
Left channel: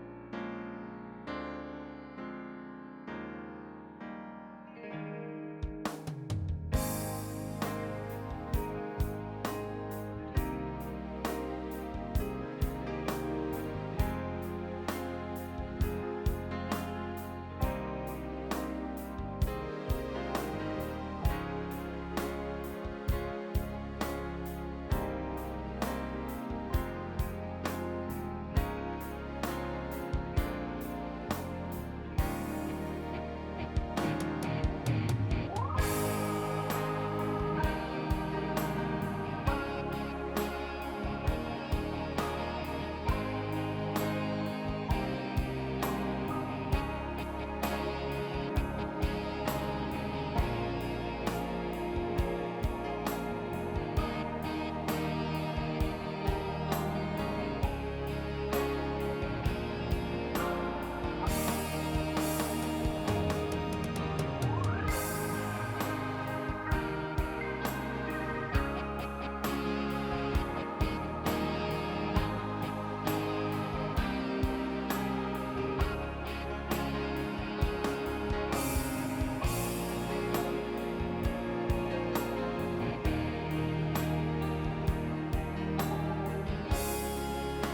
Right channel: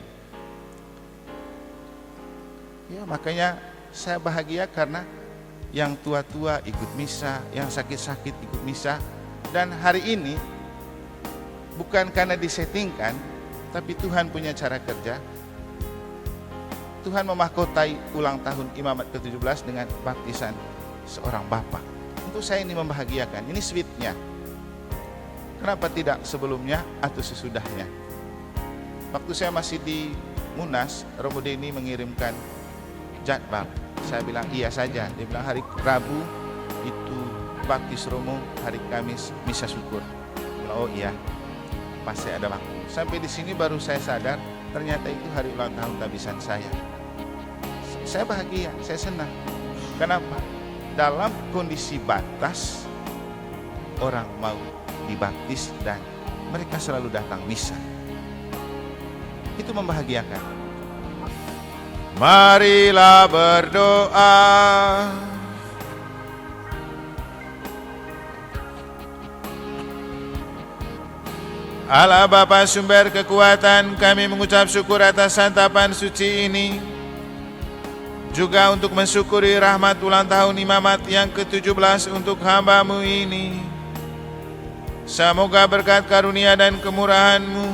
Ya, makanya saya bahagia karena yang tua-tua ikut misa, yang sakit-sakit ikut misa. Dan hari ini bukan karena disettingkan, tapi Tuhan punya cara kerja. Tuhan memahkotai ulang tahun imamat ke-17 dengan baptisan seorang bapak. Untuk saya ini membahagiakan, ini sweetnya. Kenapa tidak sebelumnya atau sesudahnya? Waktu saya masih di Munas, Romo Denny mengirimkan jadwal. Saya bilang iya saja. Dia bilang hari Rabu itu baptis Romo, hari Kamis misa syukur. Oh iya, pasti ada waktu. Sampai di sini baru saya sadar ternyata itu hari ulang tahun tabisan saya. Saya bahagia, saya senang. Kenapa? Dalam kondisi batas orang mau dibaptis dan mereka selalu datang misa. Itu membahagiakan. Marilah berdoa. Allah Bapa sumber kekuatan, kami mengucap syukur atas santapan suci ini. Juga untuk mensyukuri rahmat ulang tahun imamat yang ke-17 untuk hamba-Mu ini. Semoga berkat karunia dan kemurahan-Mu,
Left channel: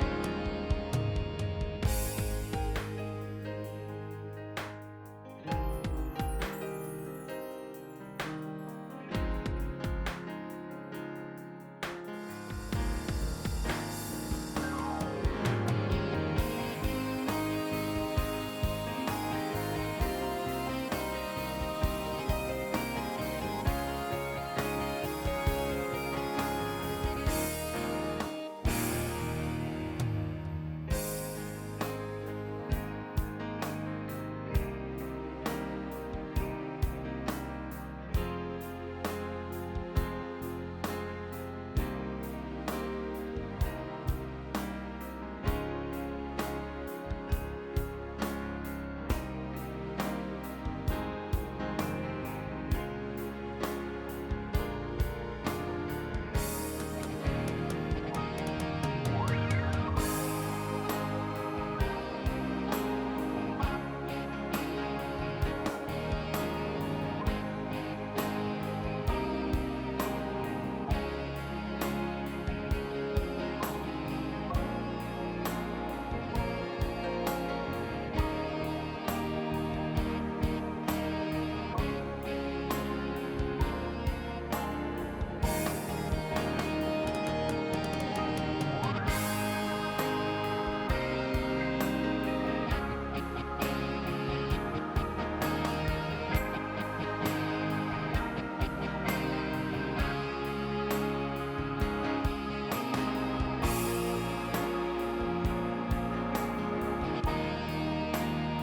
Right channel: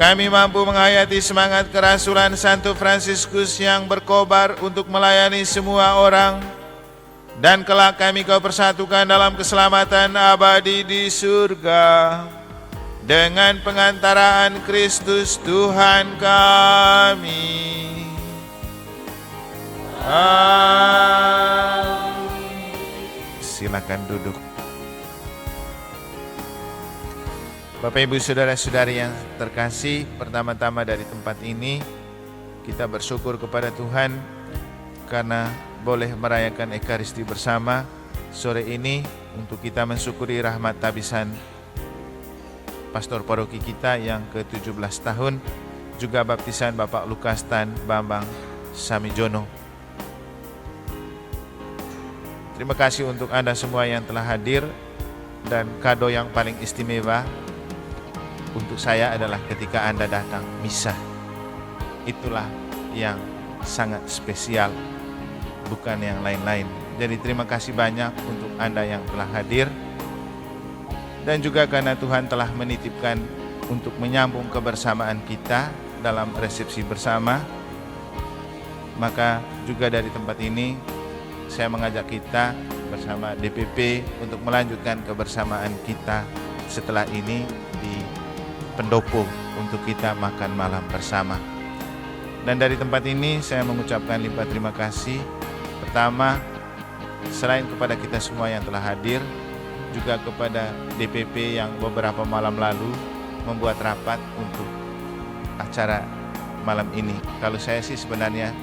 kami mampu menghayati semangat kerasulan Santo Fransiskus yang berkobar untuk melayani semua orang. Dan kelak kami Kau persatukan dalam keselamatan abadi di surga. Dengan pengantaraan Kristus Tuhan kami. Amin. Silakan duduk. Bapak Ibu Saudara-saudari yang terkasih, pertama-tama dari tempat ini kita bersyukur kepada Tuhan karena boleh merayakan Ekaristi bersama sore ini untuk kita mensyukuri rahmat tabisan pastor paroki kita yang ke-17 tahun, juga baptisan Bapak Lukas Tan Bambang Samijono. Terima kasih untuk Anda semua yang telah hadir, dan kado yang paling istimewa untuk saya adalah ketika Anda datang misa. Itulah yang sangat spesial, bukan yang lain-lain. Jadi terima kasih banyak untuk Anda yang telah hadir. Dan juga karena Tuhan telah menitipkan untuk menyambung kebersamaan kita dalam resepsi bersama, maka juga dari tempat ini saya mengajak kita bersama DPP untuk melanjutkan kebersamaan kita setelah ini di pendopo untuk kita makan malam bersama. Dan dari tempat ini saya mengucapkan lipat terima kasih. Pertama, selain kepada kita semua yang telah hadir, juga kepada DPP yang beberapa malam lalu membuat rapat untuk acara malam ini. Kalau saya sih sebenarnya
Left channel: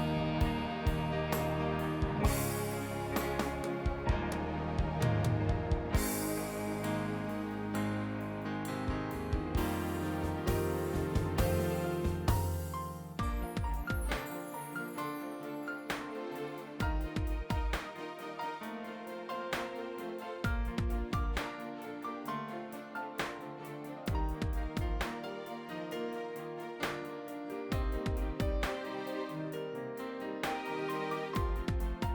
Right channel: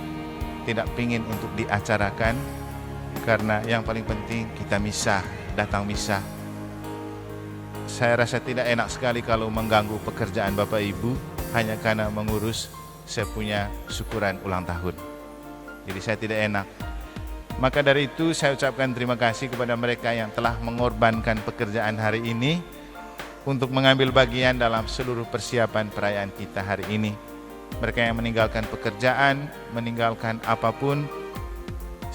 tidak ingin untuk diacarakan, karena yang paling penting kita misa, datang misa. Saya rasa tidak enak sekali kalau mengganggu pekerjaan Bapak Ibu hanya karena mengurus saya punya syukuran ulang tahun. Jadi saya tidak enak. Maka dari itu saya ucapkan terima kasih kepada mereka yang telah mengorbankan pekerjaan hari ini untuk mengambil bagian dalam seluruh persiapan perayaan kita hari ini. Mereka yang meninggalkan pekerjaan, meninggalkan apapun,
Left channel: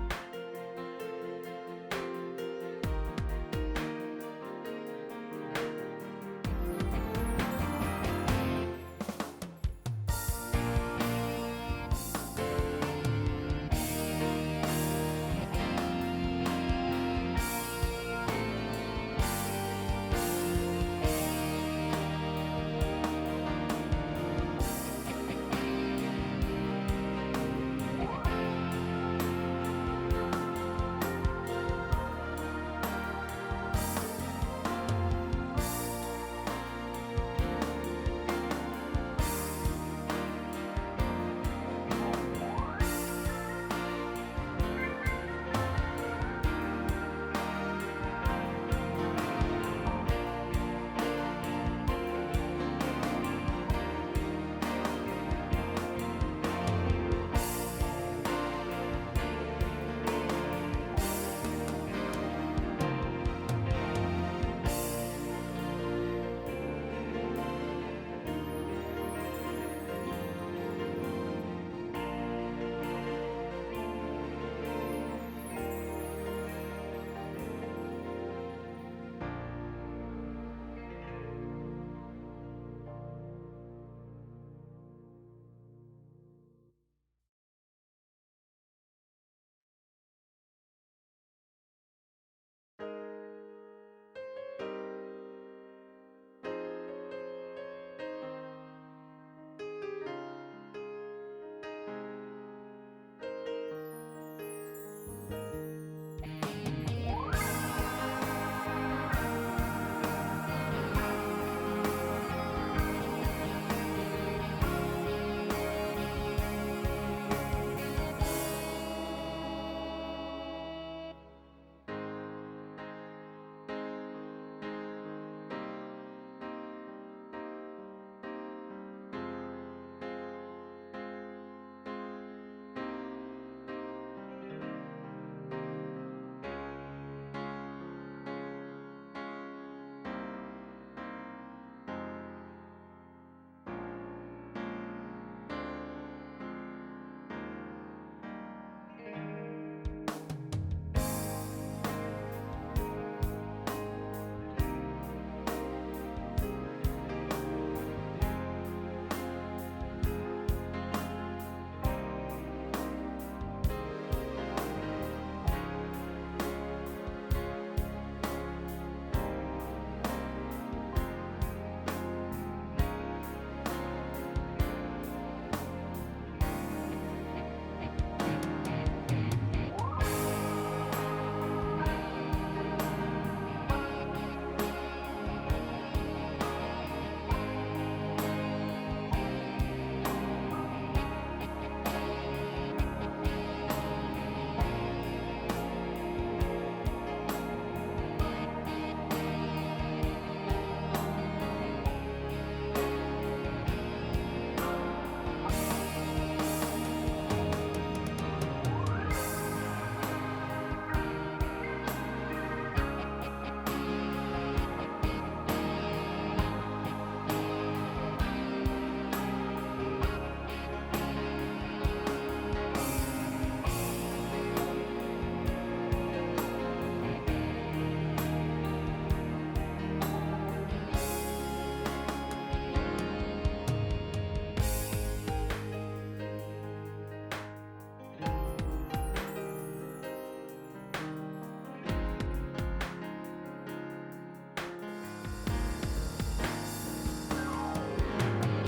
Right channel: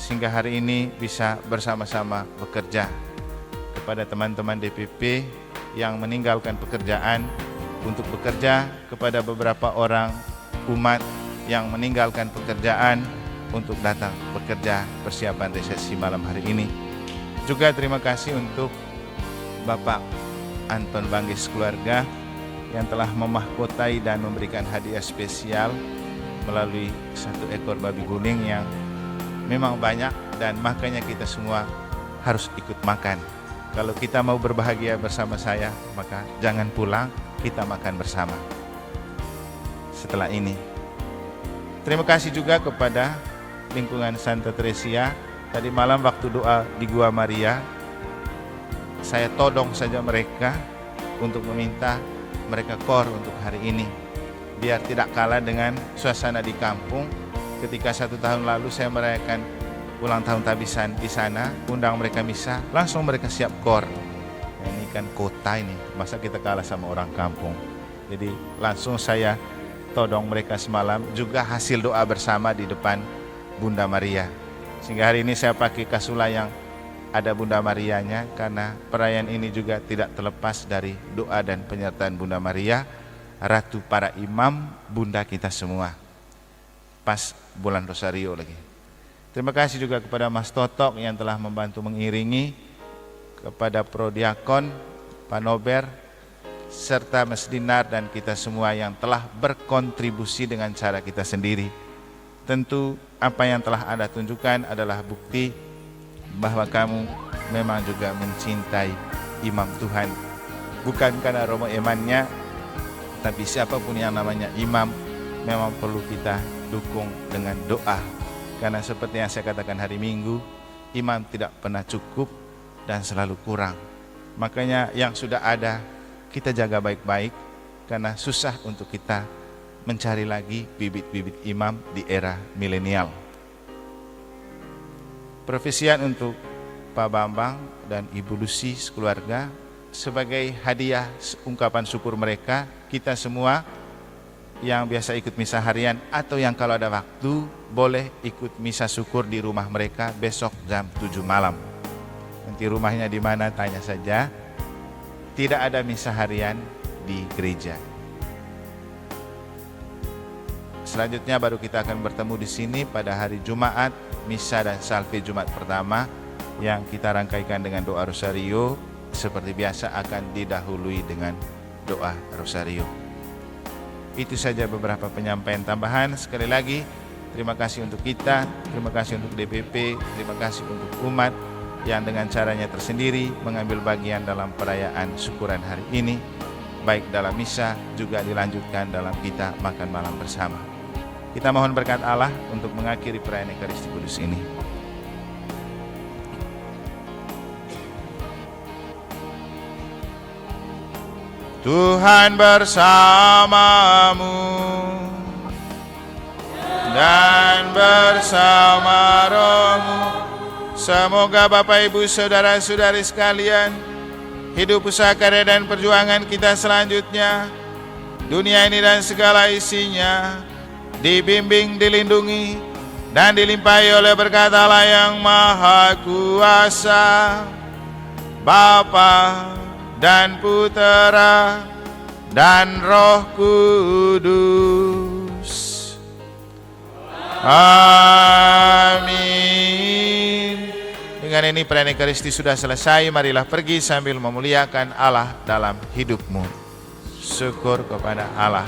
sehingga hari ini bisa bersama-sama bekerja. Kepada teman-teman DPP yang meninggalkan pekerjaan untuk bekerja, kepada beberapa orang umat yang meninggalkan pekerjaan untuk datang bekerja persiapan resepsi malam hari ini. Juga terima kasih untuk Bapak Anton Banggis keluarga yang telah memahkotai dan memberikan hadiah spesial melalui 1 ekor babi kuning yang memang banyak, dan makanya kita semua harus ikut makan. Kalau kita mau berbahagia bersama saya, maka jangan pulang, kita makan bersama setelah ini. Terima kasih juga kepada lingkungan Santa Teresia. Tadi malam waktu doa di Gua Maria, saya todong saja mereka untuk meminta mereka kor untuk hari ini, biar tidak kalah dengan suasana di kampung. Ketika 1 tahun lalu saya merayakan ulang tahun tabisan di sana, undang mereka misa, langsung mereka siap kor. Ini kan kota ini, masa kita kalah sama orang kampung. Jadi langsung saya todong mereka semalam, juga hasil doa bersama di depan Bunda Maria. Sehingga hari ini saya pakai kasula yang ada Bunda Marianya, karena perayaan ini juga tidak terlepas dari doa dan penyertaan Bunda Maria, Ratu para imam, Bunda kita semua. Pas bulan Rosario lagi. Terima kasih juga kepada Mas Totok yang telah membantu mengiringi, kepada Prodiakon, Pak Nober, serta Mas Dinar dan kita semua yang telah berkontribusi dengan cara kita sendiri. Tentu apa yang telah Anda tunjukkan adalah bukti bahwa kamu memang juga mencintai imam Tuhan. Bukan karena romo imannya, tapi siapapun yang namanya imam memang perlu kita dukung dengan doa. Karena seperti yang saya katakan hari Minggu, imam tidak pernah cukup dan selalu kurang. Makanya yang sudah ada kita jaga baik-baik, karena susah untuk kita mencari lagi bibit-bibit imam di era milenial. Profesian untuk Pak Bambang dan Ibu Lucy sekeluarga sebagai hadiah ungkapan syukur mereka, kita semua yang biasa ikut misa harian atau yang kalau ada waktu boleh ikut misa syukur di rumah mereka besok jam 7 malam. Nanti rumahnya di mana tanya saja. Tidak ada misa harian di gereja. Selanjutnya baru kita akan bertemu di sini pada hari Jumat, misa dan salve Jumat pertama yang kita rangkaikan dengan doa rosario. Seperti biasa akan didahului dengan doa rosario. Itu saja beberapa penyampaian tambahan. Sekali lagi terima kasih untuk kita, terima kasih untuk DPP, terima kasih untuk umat yang dengan caranya tersendiri mengambil bagian dalam perayaan syukuran hari ini, baik dalam misa juga dilanjutkan dalam kita makan malam bersama. Kita mohon berkat Allah untuk mengakhiri perayaan Ekaristi Kudus ini. Tuhan bersamamu dan bersama rohmu. Semoga Bapak Ibu Saudara-saudari sekalian, hidup usaha karya dan perjuangan kita selanjutnya, dunia ini dan segala isinya, dibimbing, dilindungi, dan dilimpahi oleh berkat Allah yang Maha Kuasa, Bapa dan Putera dan Roh Kudus. Amin. Dengan ini perayaan Ekaristi sudah selesai. Marilah pergi sambil memuliakan Allah dalam hidupmu. Syukur kepada Allah.